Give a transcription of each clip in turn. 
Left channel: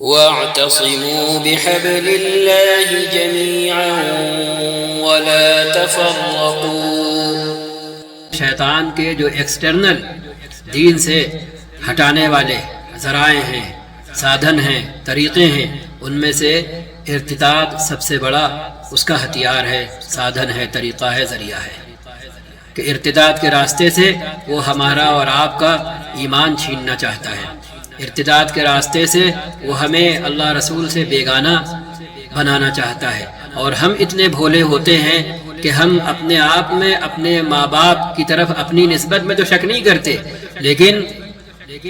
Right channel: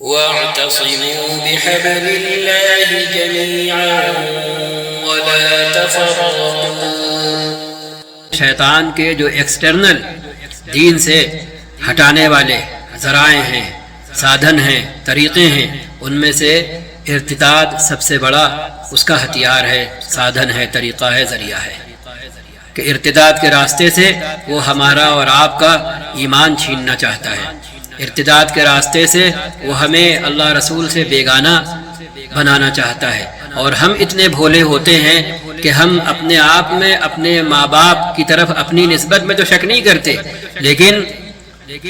واعتصموا بحبل الله جميعا ولا تفرقوا۔ شیطان کے جو ایکسٹرنل دین سے ہٹانے والے ذرائع ہیں، سادھن ہیں، طریقے ہیں، ان میں سے ارتداد سب سے بڑا اس کا ہتھیار ہے، سادھن ہے، طریقہ ہے، ذریعہ ہے کہ ارتداد کے راستے سے وہ ہمارا اور آپ کا ایمان چھیننا چاہتا ہے۔ ارتداد کے راستے سے وہ ہمیں اللہ رسول سے بیگانہ بنانا چاہتا ہے، اور ہم اتنے بھولے ہوتے ہیں کہ ہم اپنے آپ میں اپنے ماں باپ کی طرف اپنی نسبت میں تو شک نہیں کرتے، لیکن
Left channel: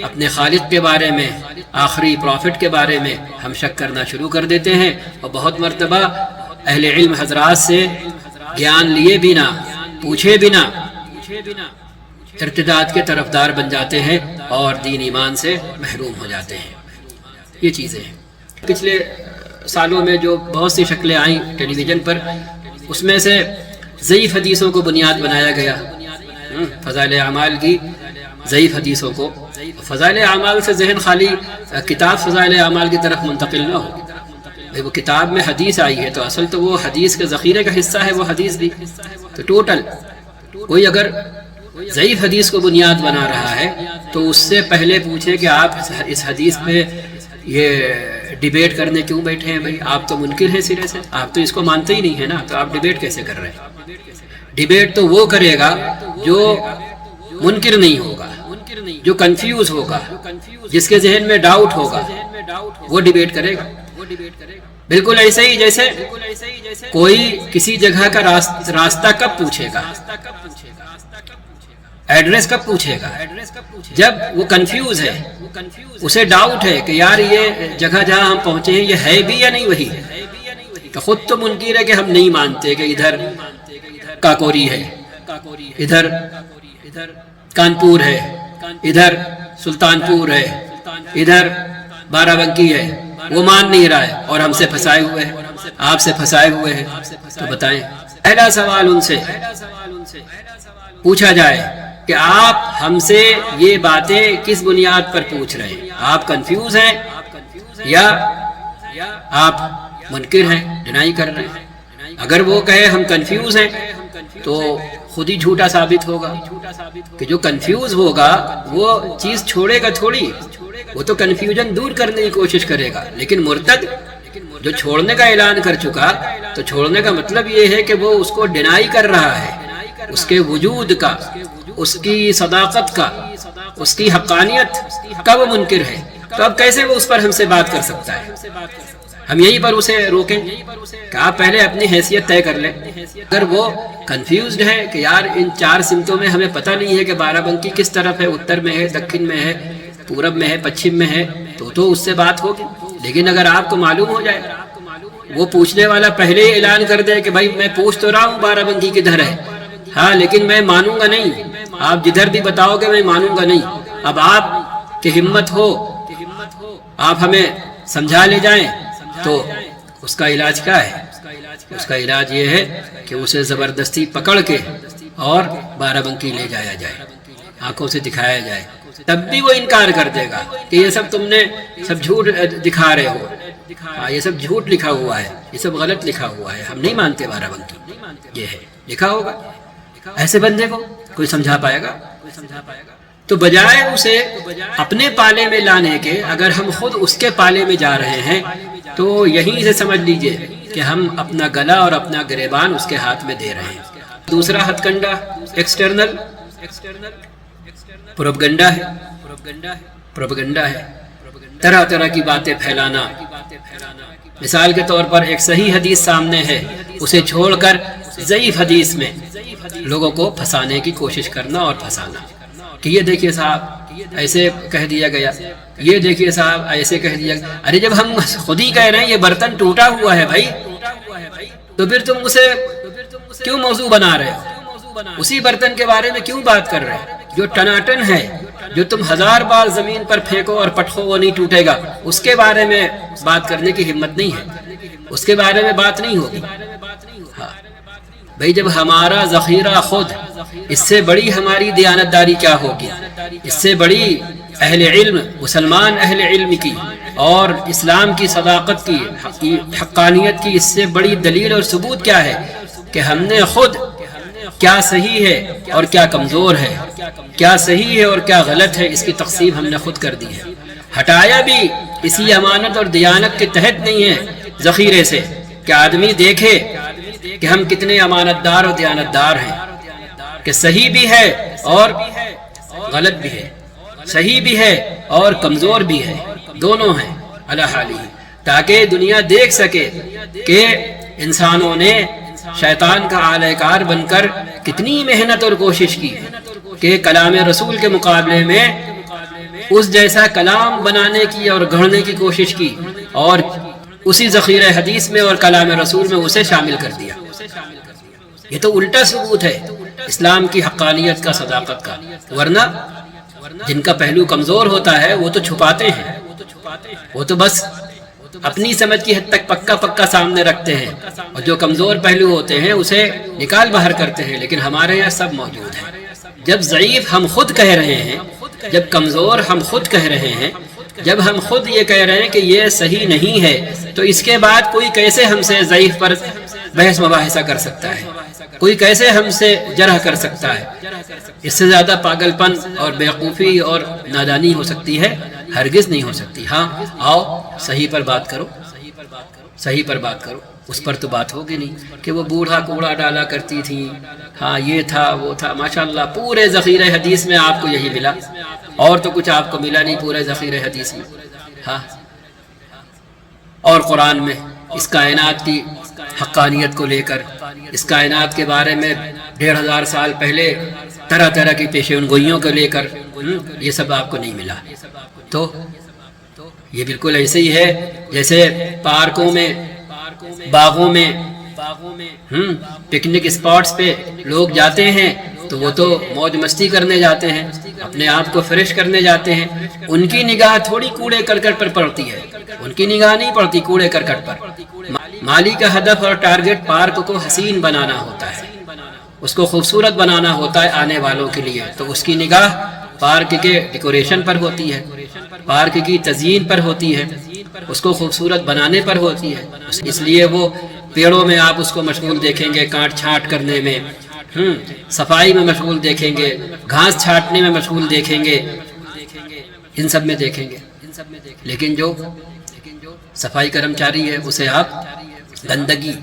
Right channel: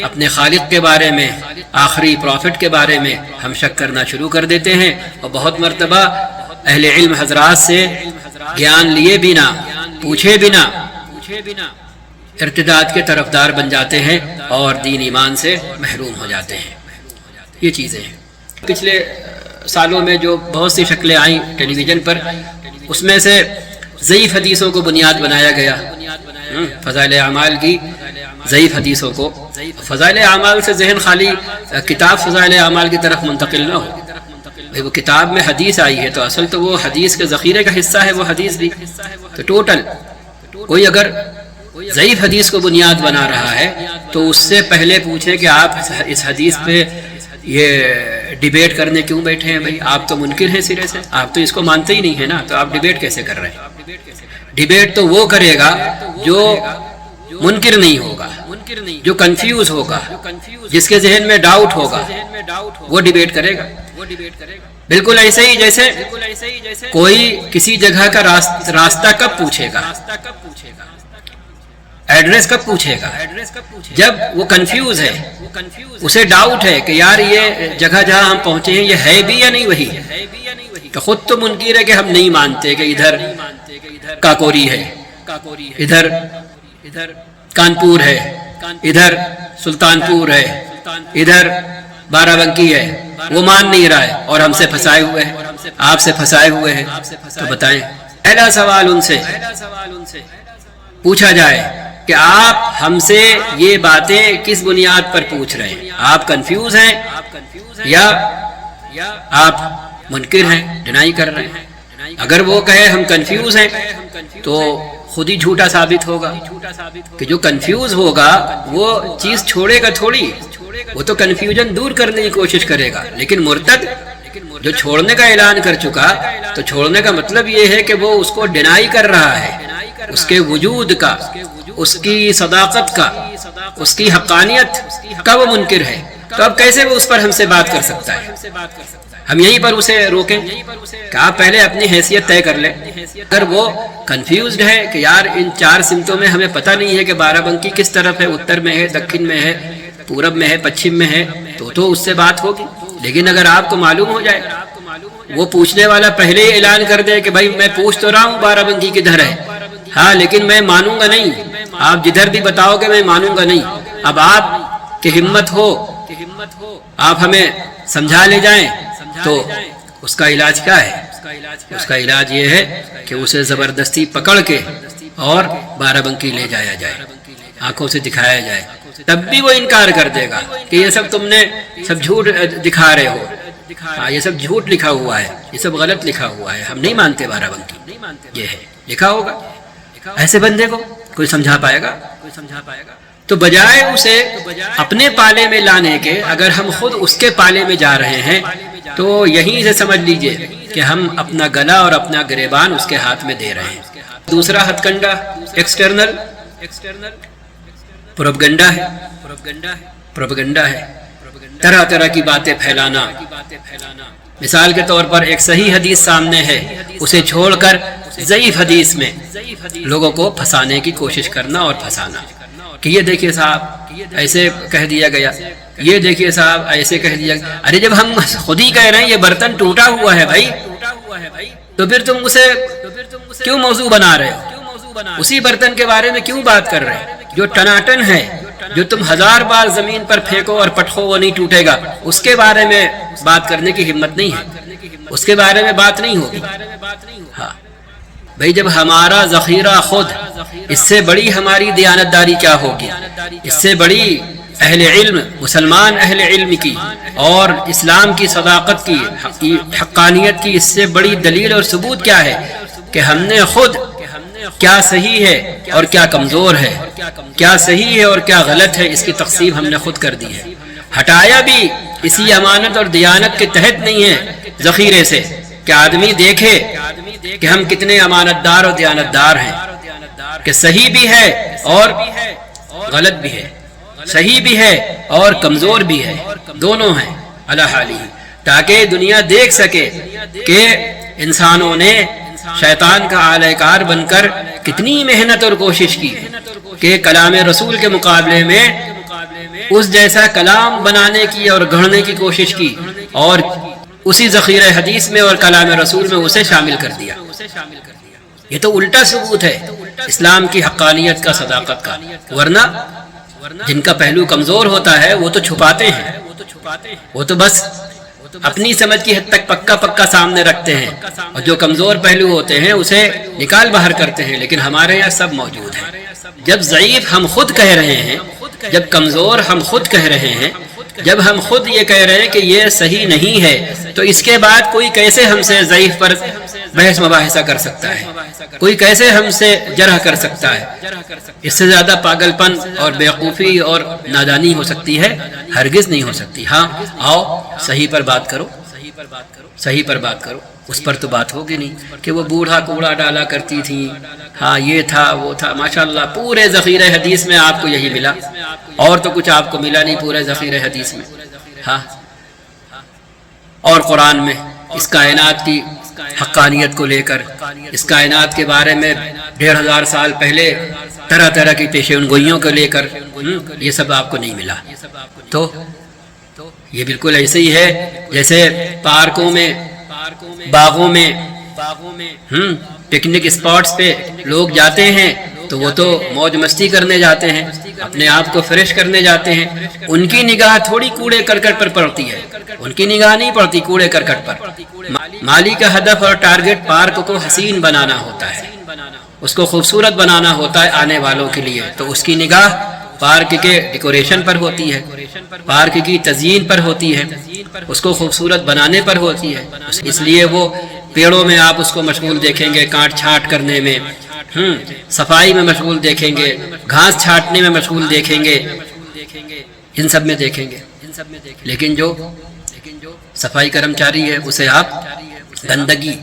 اپنے خالق کے بارے میں، آخری پروفٹ کے بارے میں ہم شک کرنا شروع کر دیتے ہیں، اور بہت مرتبہ اہل علم حضرات سے گیان لیے بنا، پوچھے بنا ارتداد کے طرفدار بن جاتے ہیں اور دین ایمان سے محروم ہو جاتے ہیں۔ یہ چیزیں ہیں۔ پچھلے سالوں میں جو بہت سی شکلیں آئیں ٹیلی ویژن پر، اس میں سے ضعیف حدیثوں کو بنیاد بنایا گیا، فضائل اعمال کی ضعیف حدیثوں کو۔ فضائل اعمال سے ذہن خالی کتاب فضائل اعمال کی طرف منتقل نہ ہو، وہ کتاب میں حدیث آئی ہے تو اصل تو وہ حدیث کے ذخیرے کا حصہ ہے، وہ حدیث بھی تو ٹوٹل کوئی اگر ضعیف حدیث کو بنیاد بنا رہا ہے تو اس سے پہلے پوچھیں کہ آپ اس حدیث پہ یہ ڈیبیٹ کرنے کیوں بیٹھے ہیں؟ بھائی آپ تو منکر ہیں سرے سے، آپ تو اس کو مانتے ہی نہیں ہیں نا، تو آپ ڈیبیٹ کیسے کر رہے ہیں؟ ڈیبیٹ تو وہ کرے گا جو منکر نہیں ہوگا، جو کنفیوز ہوگا، جس کے ذہن میں ڈاؤٹ ہوگا، وہ ڈیبیٹ کرے گا۔ بالکل ایسے ہی جیسے کوئی کسی جگہ کا راستہ کب پوچھے گا، ایڈریس کب پوچھے گا؟ جب وہ کنفیوز ہے، اسے ڈاؤٹ ہے کہ یار یہ جگہ جہاں ہم پہنچے ہیں یہ ہے بھی یا نہیں وہی ہے، تو خود تو منکر ہے کہ ہم نہیں مانتے کہ ادھر کاکوری ہے، ادھر کانپور ہے، ادھر سلطان پور ہے، ادھر بارہ بنکی ہے، وہ مان نہیں رہا ہے اور ہم سے پھنسائے ہوئے ہیں، آپ سے پھنسائے ہوئے ہیں۔ تو بتائیں، پہلا سوال ان سے پوچھا جائے کہ آپ ہم سے یہ باتیں کس بنیاد پر پوچھ رہے ہیں؟ آپ کنفیوز ہیں یا آپ منکر ہیں، ڈینائی کر رہے ہیں؟ اگر وہ کہے ہم کنفیوز ہیں تو خود ہی جھوٹا ثابت ہوگا، کہ جو کنفیوز ہوگا وہ چیز چھوڑے گا تھوڑی، وہ تو کنفیوژن دور کرنے کی کوشش کرے گا۔ لیکن مرتد جو چھوڑنے کا اعلان کر چکا، تو چھوڑنے کا مطلب یہ ہے کہ وہ اس کو ڈینائی کر رہا ہے، اس کے وجود کا، اس کی صداقت کا، اس کی حقانیت کا وہ منکر ہے۔ تو اب کیسے وہ اس پر ہم سے بات کر سکتا ہے؟ ہم یہیں پر اسے روکیں کہ آپ پہلے اپنی حیثیت طے کر لیں۔ اگر وہ کنفیوزڈ ہے کہ یار ان چار سمتوں میں ہمیں پتہ نہیں ہے کہ بارہ بنکی کس طرف ہے، اتر میں ہے، دکن میں ہے، پورب میں ہے، پچھم میں ہے، تو اس سے بات ہوگی۔ لیکن اگر آپ کو معلوم ہو جائے، وہ پوچھنے والا پہلے ہی اعلان کر دے کہ بھائی میں پوچھ تو رہا ہوں بارہ بنکی کدھر ہے، ہاں لیکن میں مانوں گا نہیں، آپ جدھر بھی بتاؤ گے میں مانوں گا نہیں۔ اب آپ کی ہمت ہو، آپ ہمیں سمجھا لے جائیں، تو اس کا علاج کیا ہے؟ اس کا علاج یہ ہے کہ اسے زبردستی پکڑ کے اور بارہ بنکی لے جایا جائے، آنکھوں سے دکھایا جائے، تب بھی وہ انکار کر دے گا کہ یہ سب تم نے سب جھوٹ دکھا رہے ہو، یہ سب جھوٹ لکھا ہوا ہے، یہ سب غلط لکھا ہوا ہے، ہم نہیں مانتے بارہ بنکی، یہ ہے لکھا ہوگا۔ ایسے بندے کو کوئی سمجھا پائے گا؟ تو بجائے اسے اپنے پالے میں لانے کے، اگر ہم خود اس کے پالے میں جا رہے ہیں تو یہیں سے سمجھ لیجئے کہ ہم اپنا گلا اور اپنا گریبان اس کے ہاتھ میں دے رہے ہیں۔ دوسرا ہتھ کنڈا ایکسٹرنل پروپگنڈا ہے، طرح طرح کی باتیں پھیلانا۔ مثال کے طور پر ایک صحیح حدیث سامنے ہے، اسے چھوڑ کر ضعیف حدیث میں لوگوں کو پھنسانے کی کوشش کرنا اور پھنسانا کہ یہ دیکھیے صاحب ایسے کہہ دیا گیا، یہ دیکھیے صاحب ایسے کہہ دیا گیا۔ ارے جب ہم خود ہی کہہ رہے ہیں یہ برتن ٹوٹا ہوا ہے بھائی، تو پھر تم اسے کیوں موضوع بنا رہے ہو؟ اسی برتن کے بارے میں کیوں بات کر رہے ہیں جو ٹناٹن ہے، جو تم 1000 بار زمین پر پھینکو اور پٹخو وہ نہیں ٹوٹے گا؟ اس کے بارے میں بات کرنے کی ہمت نہیں ہے، اس کے بارے میں بات نہیں ہوگی۔ ہاں بھائی، جب ہمارا ذخیرہ خود، اس سے بڑی ہماری دیانتداری کیا ہوگی، اس سے بڑی اہل علم، مسلمان اہل علم کی اور اسلام کی صداقت کی، حقانیت کی اس سے بڑی دلیل اور ثبوت کیا ہے کہ ہم نے خود کیا صحیح ہے اور کیا کمزور ہے، کیا صحیح ہے اور کیا غلط ہے، اس کی تقسیم ہم نے خود کر دی ہے۔ ہٹایا بھی اسی امانت اور دیانت کے تحت نہیں ہے ذخیرے سے کہ آدمی دیکھے کہ ہم کتنے امانت دار اور دیانت دار ہیں، کہ صحیح بھی ہے اور غلط بھی ہے، صحیح بھی ہے اور کمزور بھی ہے، دونوں ہیں علی حالی، تاکہ دنیا دیکھ سکے کہ انسانوں نے شیطان کا اعلی کار بن کر کتنی محنت اور کوشش کی کہ کلام رسول کے مقابلے میں اس جیسا کلام بنانے کی اور گھڑنے کی کوشش کی، اور اسی ذخیرہ حدیث میں اور کلام رسول میں اسے شامل کر دیا۔ یہ تو الٹا ثبوت ہے اسلام کی حقانیت کا، صداقت کا، ورنہ جن کا پہلو کمزور ہوتا ہے وہ تو چھپاتے ہیں، وہ تو بس اپنی سمجھ کی حد تک پکا سامنے رکھتے ہیں، اور جو کمزور پہلو ہوتے ہیں اسے نکال باہر کرتے ہیں، لیکن ہمارے یہاں سب موجود ہے۔ جب ضعیف ہم خود کہہ رہے ہیں، جب کمزور ہم خود کہہ رہے ہیں، جب ہم خود یہ کہہ رہے ہیں کہ یہ صحیح نہیں ہے، تو اس کے بعد کوئی کیسے ہم سے ضعیف پر بحث مباحثہ کر سکتا ہے؟ کوئی کیسے ہم سے جرح کر سکتا ہے؟ اس سے زیادہ پاگل پن اور بیوقوفی اور نادانی ہو سکتی ہے؟ ہرگز نہیں ہو سکتی۔ ہاں آؤ صحیح پر بات کرو، صحیح پر بات کرو، اس پر تو بات ہوگی نہیں کہ وہ بوڑھا کوڑا ڈالا کرتی تھی، ہاں یہ تھا وہ تھا۔ ماشاءاللہ پورے ذخیرہ حدیث میں آپ کو یہی ملا، اور تو کچھ آپ کو ملا نہیں پورے ذخیرہ حدیث میں۔ ہاں، اور قرآن میں اس کائنات کی حقانیت کو لے کر، اس کائنات کے بارے میں 1500 سال پہلے طرح طرح کی پیشین گوئیوں کو لے کر یہ سب آپ کو نہیں ملا۔ تو یہ بالکل ایسے ہی ہے جیسے پارکوں میں، باغوں میں، پکنک اسپاٹس پہ لوگ جاتے ہیں تو وہ تو موج مستی کرنے جاتے ہیں، اپنے آپ کو فریش کرنے جاتے ہیں، ان کی نگاہ تھوڑی کوڑے کرکٹ پر پڑتی ہے، ان کی نگاہ نہیں پڑتی کوڑے کرکٹ پر۔ مالی کا ہدف اور ٹارگٹ پارک کو حسین بنانا ہوتا ہے، اس کو خوبصورت بنانا ہوتا ہے آنے والوں کے لیے، تو اس کی نگاہ پارک کے ڈیکوریشن پر ہوتی ہے، پارک کی تزئین پر ہوتی ہے، اس کو خوبصورت بنانے پر ہوتی ہے۔ اس لیے وہ پیڑوں میں آپ اس کو مشغول دیکھیں گے، کاٹ چھانٹ کرنے میں، صفائی میں مشغول دیکھیں گے، گھاس چھانٹنے میں مشغول دیکھیں گے، ان سب میں دیکھیں گے۔ لیکن جو صفائی کرمچاری ہے اسے آپ گندگی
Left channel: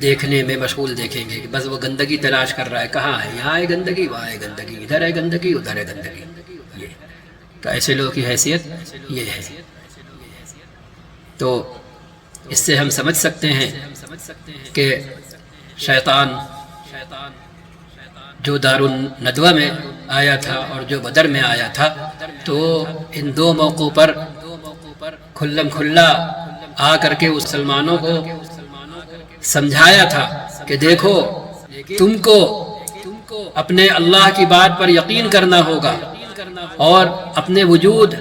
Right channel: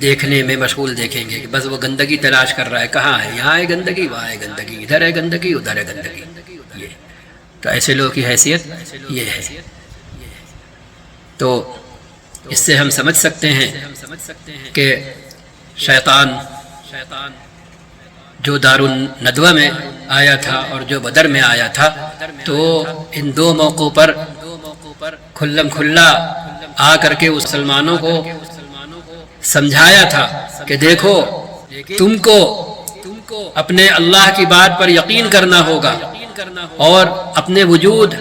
دیکھنے میں مشغول دیکھیں گے کہ بس وہ گندگی تلاش کر رہا ہے، کہاں ہے، یہاں ہے گندگی، وہاں ہے گندگی، ادھر ہے گندگی، ادھر ہے گندگی۔ یہ تو ایسے لوگوں کی حیثیت یہ ہے۔ تو اس سے ہم سمجھ سکتے ہیں کہ شیطان جو دار الندوہ میں آیا تھا اور جو بدر میں آیا تھا، تو ان دو موقعوں پر کھلم کھلا آ کر کے مسلمانوں کو سمجھایا تھا کہ دیکھو تم کو اپنے اللہ کی بات پر یقین کرنا ہوگا اور اپنے وجود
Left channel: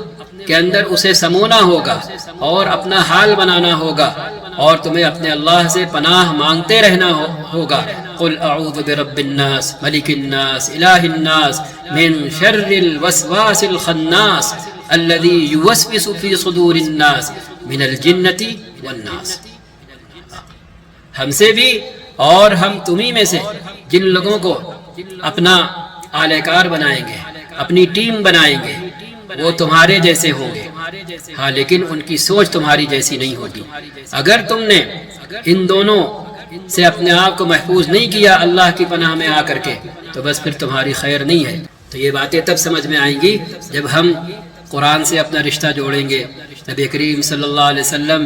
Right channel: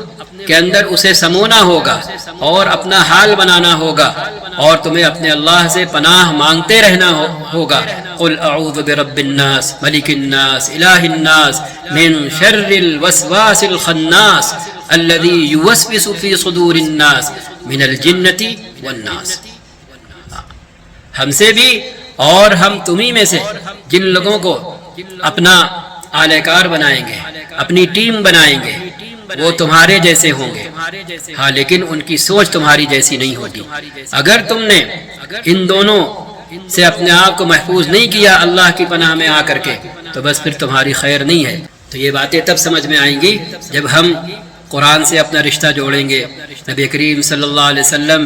کے اندر اسے سمونا ہوگا اور اپنا حال بنانا ہوگا، اور تمہیں اپنے اللہ سے پناہ مانگتے رہنا ہوگا۔ قل اعوذ برب الناس ملک الناس الہ الناس من شر الوسواس الخناس الذي يوسوس في صدور الناس من الجنة والناس۔ ہم سے بھی اور ہم تمہیں میں سے جن لوگوں کو اپنا اعلی کار بنائیں گے، اپنی ٹیم بنائیں گے، وہ تمہارے جیسے ہوں گے، ہاں لیکن ان کی سوچ تمہاری جیسی نہیں ہوگی۔ اگر تم نے ان دونوں سے اپنے آپ کو محفوظ نہیں کیا اللہ کی پناہ میں آ کر کے، تو بس پھر تمہاری خیر نہیں ہے۔ تو یہ باتیں تب سمجھ میں آئیں گی جب ہم قرآن سے اپنا رشتہ جوڑیں گے، نبی کریم صلی اللہ علیہ وسلم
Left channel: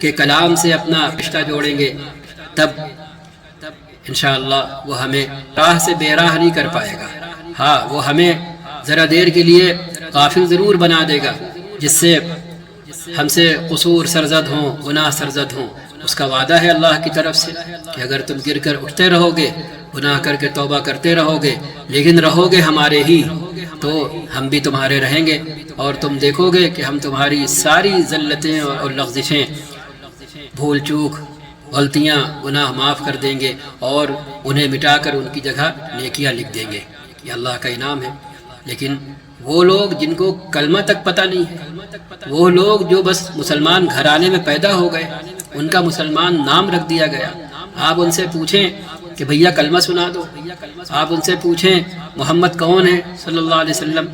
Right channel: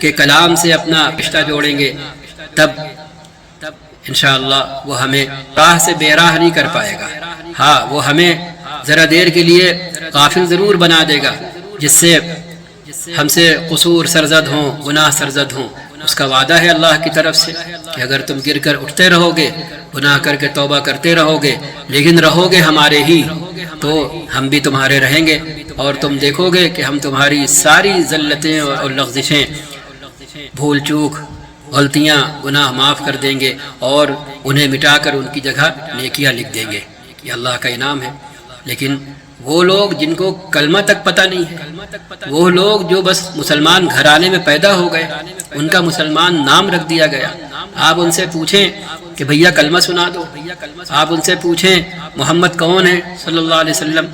کے کلام سے اپنا رشتہ جوڑیں گے، تب انشاءاللہ وہ ہمیں راہ سے بے راہ نہیں کر پائے گا۔ ہاں وہ ہمیں ذرا دیر کے لیے غافل ضرور بنا دے گا، جس سے ہم سے قصور سرزد ہوں، گناہ سرزد ہوں۔ اس کا وعدہ ہے اللہ کی طرف سے کہ اگر تم گر کر اٹھتے رہو گے، گناہ کر کے توبہ کرتے رہو گے، لیکن رہو گے ہمارے ہی، تو ہم بھی تمہارے رہیں گے، اور تم دیکھو گے کہ ہم تمہاری ساری زلتیں اور لغزشیں، بھول چوک، غلطیاں، گناہ معاف کر دیں گے، اور انہیں مٹا کر ان کی جگہ نیکیاں لکھ دیں گے۔ یہ اللہ کا انعام ہے۔ لیکن وہ لوگ جن کو کلمہ تک پتہ نہیں ہے، وہ لوگ جو بس مسلمان گھرانے میں پیدا ہو گئے، ان کا مسلمان نام رکھ دیا گیا، آپ ان سے پوچھیں کہ بھیا کلمہ سنا دو، آپ ان سے پوچھیں محمد کون ہے صلی اللہ علیہ وسلم،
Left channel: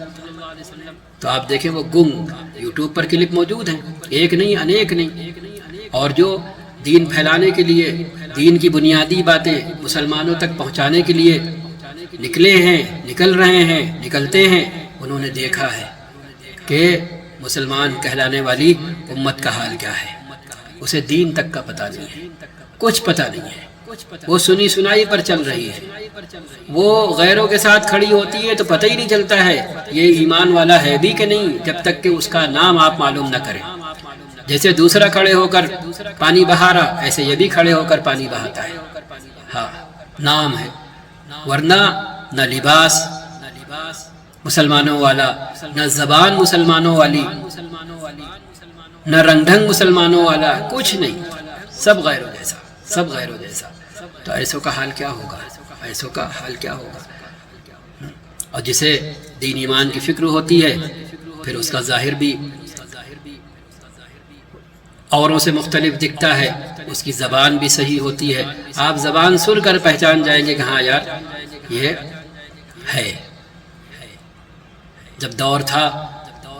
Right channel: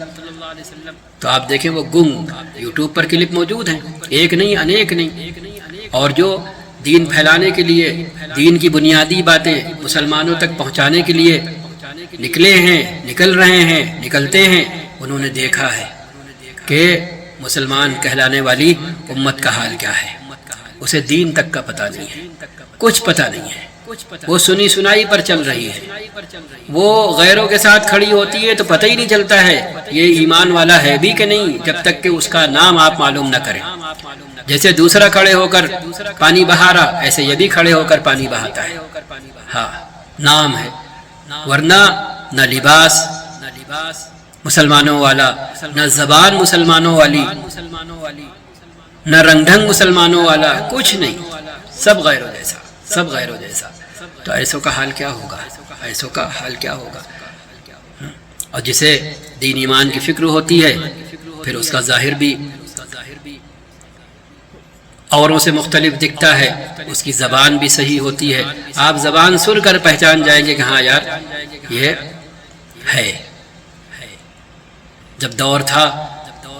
تو آپ دیکھیں وہ گنگ، یوٹیوب پر کلپ موجود ہیں، ایک نہیں انیک نہیں، اور جو دین پھیلانے کے لیے، دین کی بنیادی باتیں مسلمانوں تک پہنچانے کے لیے نکلے ہیں، نکل رہے ہیں، نکلتے ہیں، انہوں نے دیکھا ہے کہ مسلمان کہلانے والی امت کا حال کیا ہے، اسے دین تک کا پتہ نہیں ہے، کچھ پتہ نہیں ہے، وہ سنی سنائی پر چل رہی ہے، وہ غیروں کے ساتھ کھڑی ہوتی ہے تو پتہ ہی نہیں چلتا ہے یہ ایمان والا ہے بھی کہ نہیں جب تک کہ اس کا نام آپ معلوم نہ کریں۔ جیسے دوسرا کھڑے ہو کر پانی بہا رہا، ایسے یہ بھی کھڑے ہو کر پانی بہاتا ہے، ہاں نام ہے، ورنہ نہ لباس مسلمانوں والا، نہ زبان مسلمانوں والی، نہ رنگ ڈھنگ مسلمانوں والا، کچھ نہیں، سب غیروں جیسا، سب غیروں جیسا۔ تو ایسوں کا حال کیا ہوگا، ایسوں کا حال کیا ہوگا؟ اور جسے دین ایمان کی فکر ہوتی ہے پھر اس کا ظاہر بھی اوروں سے مختلف دکھتا ہے، اس کی زبان بھی صحیح ہوتی ہے، آپ زبان سن کر پہچان جائیں گے کہ ہاں یار یہ ہے۔ جب دور تھا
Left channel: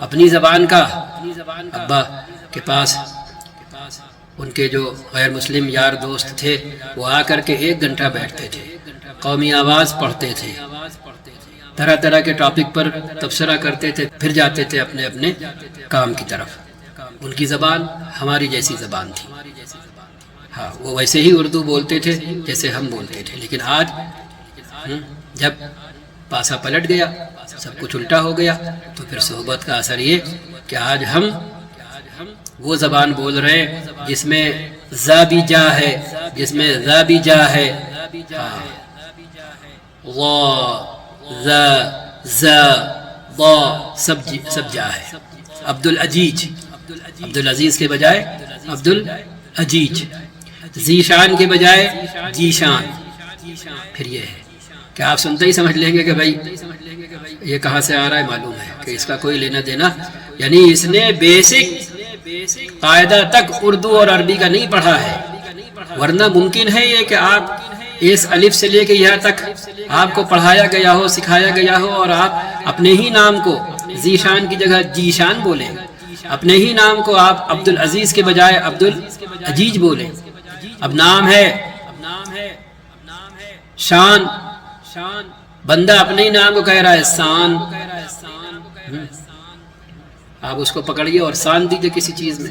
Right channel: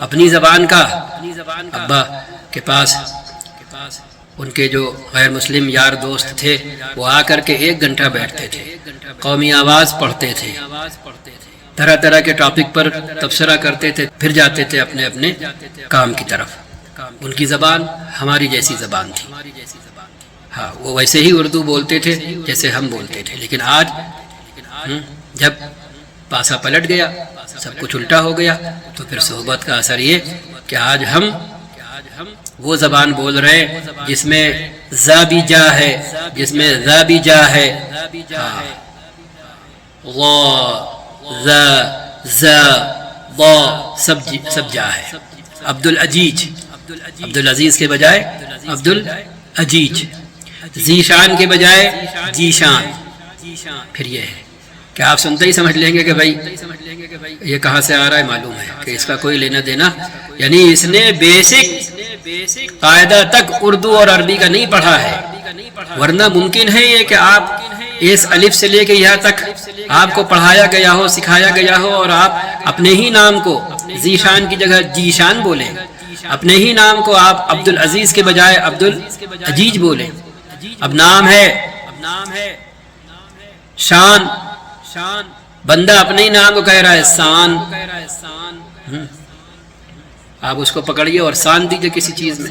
اپنی زبان کا، ابا کے پاس ان کے جو غیر مسلم یار دوست تھے وہ آ کر کے 1 گھنٹہ بیٹھتے تھے، قومی آواز پڑھتے تھے، طرح طرح کے ٹاپک پر تبصرہ کرتے تھے، پھر جاتے تھے اپنے اپنے کام کی طرف۔ ان کی زبان ہماری جیسی زبان تھی، ہاں وہ ویسے ہی اردو بولتے تھے جیسے ہم بولتے تھے، لیکن آج جب پاسا پلٹ گیا، سب کچھ الٹا ہو گیا، تو پھر صحبت کا اثر یہ کہ آج ہم وہ زبان بول رہے ہیں جس میں ذا بھی جا ہے، جس میں ذا بھی جا ہے، غا ذا ذا ضا سب جا ہے۔ عبدالعزیز کے بجائے عبدالعجیج، ذیشان کے بجائے جیشان۔ پھر یہ ہے کہ آپ سنتے ہی سمجھ لیں گے کہ بھائی یہ کہاں سے آ رہا ہے، معلوم ہے کہ اس کا کوئی لینا دینا، یعنی اس نے بیسک قاعدہ تک اردو اور عربی کا نہیں پڑھا ہے، ورنہ ممکن ہے یہ کہ آپ اس الف سے لے کے یہاں تک آپ کو پڑھایا گیا ہو، سکھایا گیا ہو، اور آپ اپنے ہی نام کو ذیشان کی جگہ جیشان بولیں، اپنے ہی نام کو آپ عبدالعزیز کے بجائے عبدالعجیج بولیں۔ اب نام ہے شان، بندہ اپنے ہی نام کو کہہ رہا ہے سان، آپ اس کو پکڑیے اور سان دیجئے کسی چیز میں،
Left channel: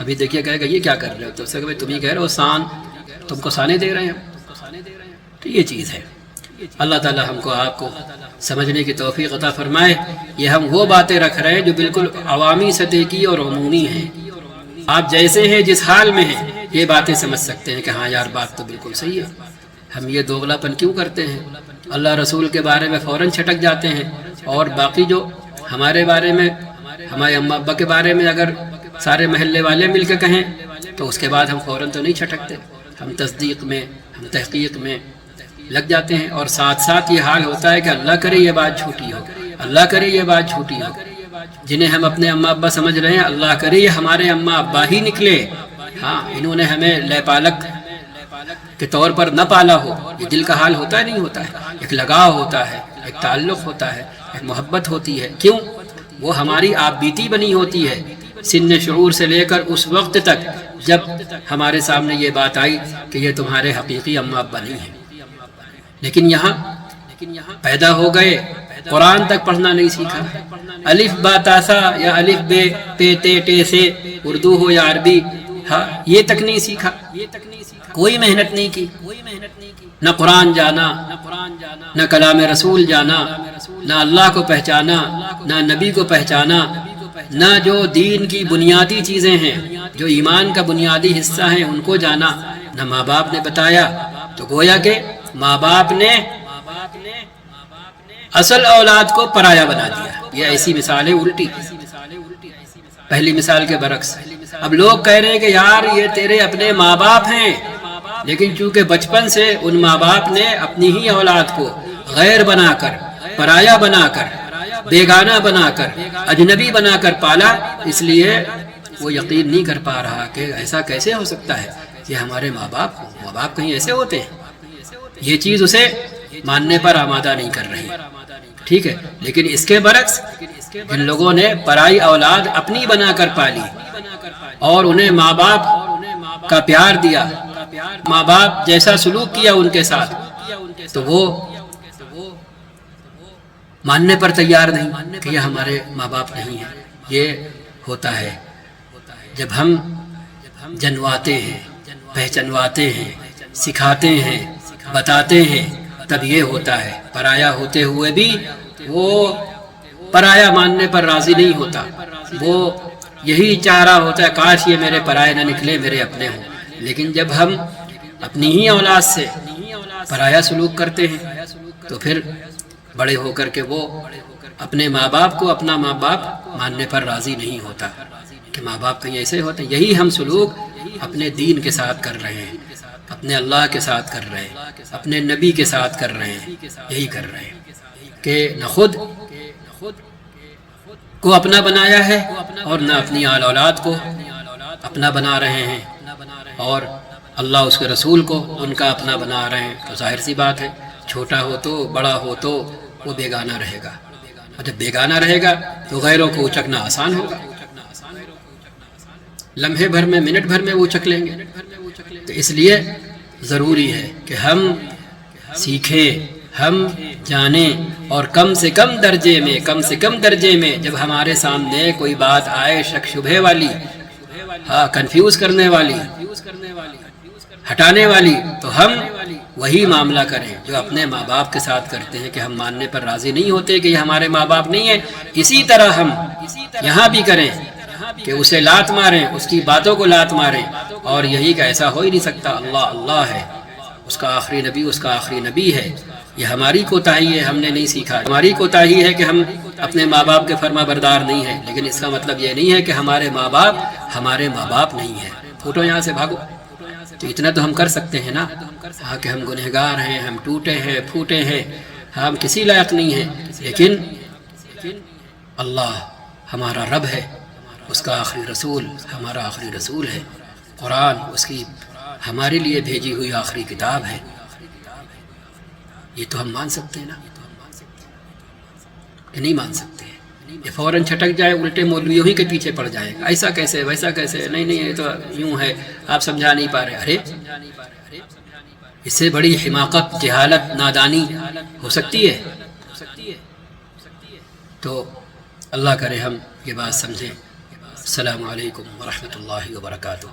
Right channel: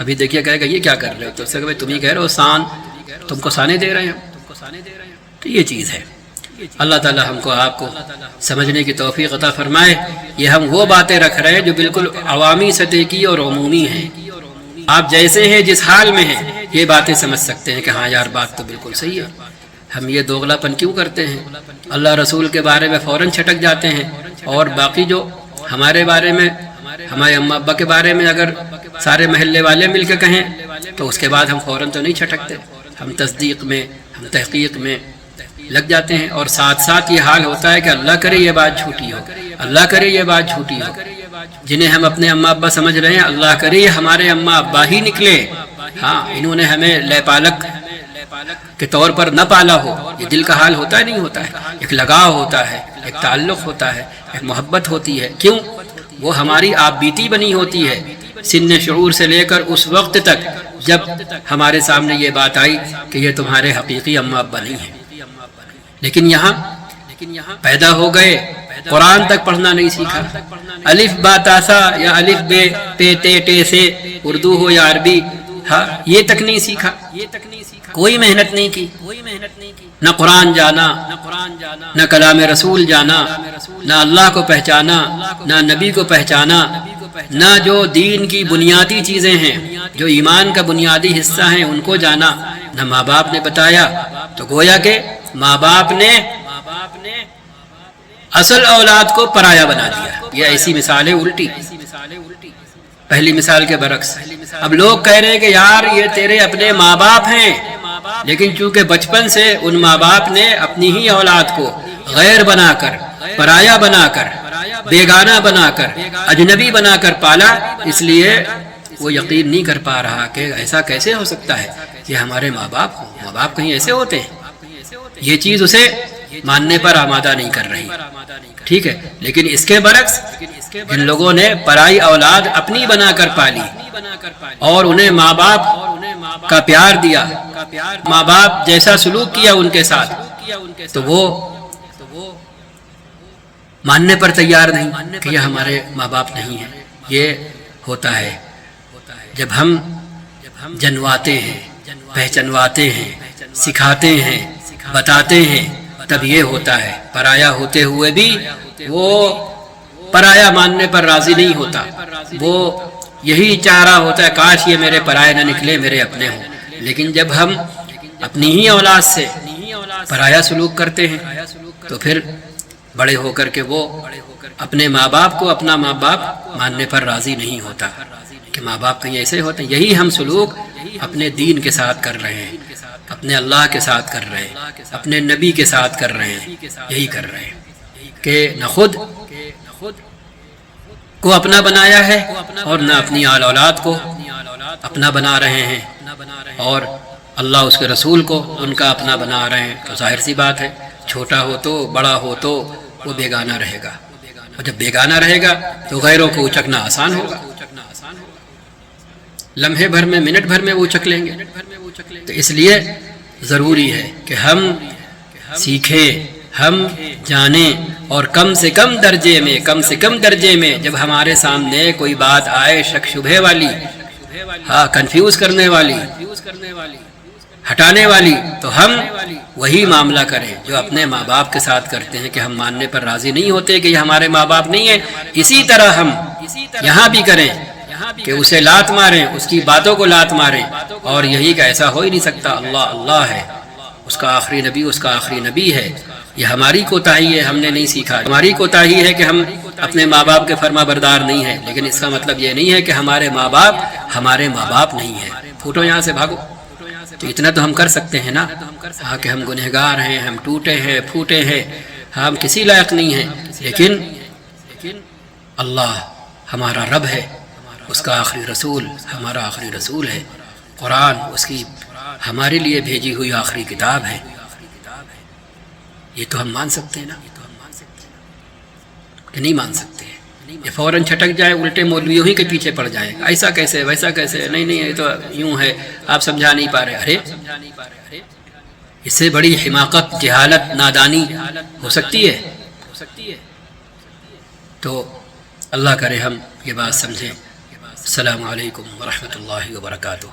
ابھی دیکھیے کہے گا یہ کیا کر رہے ہو، تو اس سے تم ہی کہہ رہے ہو سان، تم کو سانے دے رہے ہیں، تو یہ چیز ہے۔ اللہ تعالی ہم کو آپ کو سمجھنے کی توفیق عطا فرمائے۔ یہ ہم وہ باتیں رکھ رہے ہیں جو بالکل عوامی سطح کی اور عمومی ہیں، آپ جیسے ہیں جس حال میں ہیں یہ باتیں سمجھ سکتے ہیں کہ ہاں یار بات تو بالکل صحیح ہے۔ ہم یہ دوغلا پن کیوں کرتے ہیں، اللہ رسول کے بارے میں فوراً چھٹک جاتے ہیں، اور باقی جو ہمارے بارے میں، ہمارے اماں ابا کے بارے میں اگر سارے محلے والے مل کے کہیں تو اس کے بعد ہم فوراً تو نہیں چھٹکتے، ہم تصدیق میں، ہم تحقیق میں لگ جاتے ہیں، اور ساتھ ساتھ یہ حال ہوتا ہے کہ اللہ کرے یہ بات جھوٹی ہو، اللہ کرے یہ بات جھوٹی ہو۔ جنہیں ہم اپنے اماں ابا سمجھ رہے ہیں، اللہ کرے یہ ہمارے اماں ابا ہی نکلے، ہاں انہوں نے ہمیں لے پالک کے طور پر نہ پالا ہو۔ یہ دل کا حال ہوتا ہے، نہیں ہوتا ہے، ایک لگاؤ ہوتا ہے، ایک تعلق ہوتا ہے، ایک محبت ہوتی ہے، کیوں؟ وہ ہماری آپ بیتی بنی ہوتی ہے سن شعور سے لے کر اس وقت تک جب ہمارے سامنے یہ بات آئی کہ یہ تمہارے حقیقی اماں ابا نہیں ہیں، لیکن یہاں پیدا ہو گئے، قرآن تک پڑھنا نہیں سیکھا، الف با تاسا یا الف بے پے تے ٹے سے، اردو ہو یا عربی، ہاں یہ تک نہیں سیکھا، کوئی محنت نہیں کی، نہ قرآن جانا، نہ کلام رسول جانا، نہ اللہ کو پہچانا، نہ نبی کو پہچانا، نہ جو دین کی بنیادی چیزیں ہیں، جو ایمان کا بنیادی حصہ ہیں ان کو جانا، نہ ماں باپ نے بتایا۔ تو گویا کہ ماں باپ نے اصل اولاد کو پرایا بنا دیا۔ یہ ایسی مثالیں الٹی، پہلی مثال کے برعکس۔ اب لوگ کہہ رہے ہیں کہ یار یہ تیرے اپنے ماں باپ ہیں، لیکن چونکہ بچپن سے ان ماں باپ نے اپنی ہی اولاد کو غیر بنا کر، پرایا بنا کر بیگانہ بنا کر، اجنبی بنا کر پالا، اس لیے وہ یقین نہیں کر پا رہا کہ ایسا کیسے ہو سکتا ہے کہ ہمارے ماں باپ کہیں ایسے ہوتے ہیں. یہ چیز اسے ماننے پر آمادہ نہیں کر رہی. ٹھیک ہے، لیکن اس کے برعکس جن لوگوں نے پرائی اولاد اپنی بنا کر پالی اور انہیں ماں باپ کا پیار دیا، ماں باپ جیسا سلوک کیا ان کے ساتھ، تو وہ ماننے پر تیار نہیں کہ یہ ہمارے ماں باپ نہیں ہیں. یہ ہوتا ہے جب ہم جنواتے ہیں، پہچنواتے ہیں، سکھاتے ہیں، بتاتے ہیں، تب یہ ہوتا ہے. پرایا ہوتے ہوئے بھی وہ پرایا ماننے پر راضی نہیں ہوتا، وہ یہی چاہ رہا ہوتا ہے کاش یہ میرے پرائے نہ نکلے، میرے اپنے ہوں. لیکن جب ہم اپنی ہی اولاد سے پرایا سلوک کرتے ہیں تو پھر بڑے ہو کر کے وہ اپنے ماں باپ کو اپنا ماں باپ ماننے پر راضی نہیں ہوتا کہ ماں باپ کہیں ایسے ہوتے ہیں. یہی ہم سلوک اپنے دین کے ساتھ کر رہے ہیں، اپنے اللہ کے ساتھ کر رہے ہیں، اپنے نبی کے ساتھ کر رہے ہیں. یہی کر رہے ہیں کہ نہ خود کو اپنا بنایا ہے اور نہ اپنی آل اولاد کو اپنا بنا رہے ہیں، اور اللہ اس کے رسول کو ان کا اپنا بنا رہے ہیں. تو ظاہر سی بات ہے چھوٹا ہو تو بڑا ہو تو وہ بیگانہ رہے گا، اور جب بیگانہ رہے گا تو غیروں کو اچکنا آسان ہوگا. لمحے بھر میں، منٹ بھر میں وہ اچک لیں گے. تو اس لیے ضروری ہے کہ ہم سیکھیں، ہم جانیں، اور کم سے کم درجے میں جب ہمارے سامنے کوئی بات آئے شک شبہ والی، کنفیوز کرنے والی، ہٹانے والی، تو ہم وہی معاملہ کریں جو اپنے ماں باپ کے ساتھ کرتے ہیں کہ ہم ماننے پر راضی نہیں ہوتے کہ یہ ہمارے ماں باپ نہیں ہیں. اسی طرح ہم یہاں بھی کریں کہ اسے لات ماریں، اس کی باتوں کو لات ماریں، اور یہی کہ ایسا ہو ہی نہیں سکتا، اللہ اللہ ہے، اس کا آخری نبی ہے. یہ ہماری کوتاہی ہے، ہم نے نہیں سیکھا. ہماری کوتاہی ہے کہ ہم اپنے ماں باپ کے فرما بردار نہیں ہیں، لیکن اس کا مطلب یہ نہیں ہے کہ ہمارے ماں باپ نہیں ہیں. پھوٹو یہاں سے بھاگو. تو اتنا تو ہم کر سکتے ہیں نا، ہاں کہ ہم گنہگار ہیں، ہم ٹوٹے ہیں، پھوٹے ہیں، ہم کسی لائق نہیں ہیں، لیکن اللہ ہمارا رب ہے، اس کا آخری رسول ہمارا آخری رسول ہے، قرآن اس کی ہمارے لیے بھیجی ہوئی آخری کتاب ہے. یہ تو ہم مان سکتے ہیں نا، کہ نہیں مان سکتے. یہ فوراً چھٹک جائے، الٹے مولویوں ہی کے پیچھے پڑ جائے، ایسا کیسے، ویسا کیسے، نہیں یہ تو یوں ہے، آپ سمجھا نہیں پا رہے. ارے اس سے بڑی حماقت، جہالت، نادانی ہو سکتی ہے؟ تو اللہ کرے ہم یہ بات سمجھیں. السلام علیکم ورحمۃ اللہ وبرکاتہ.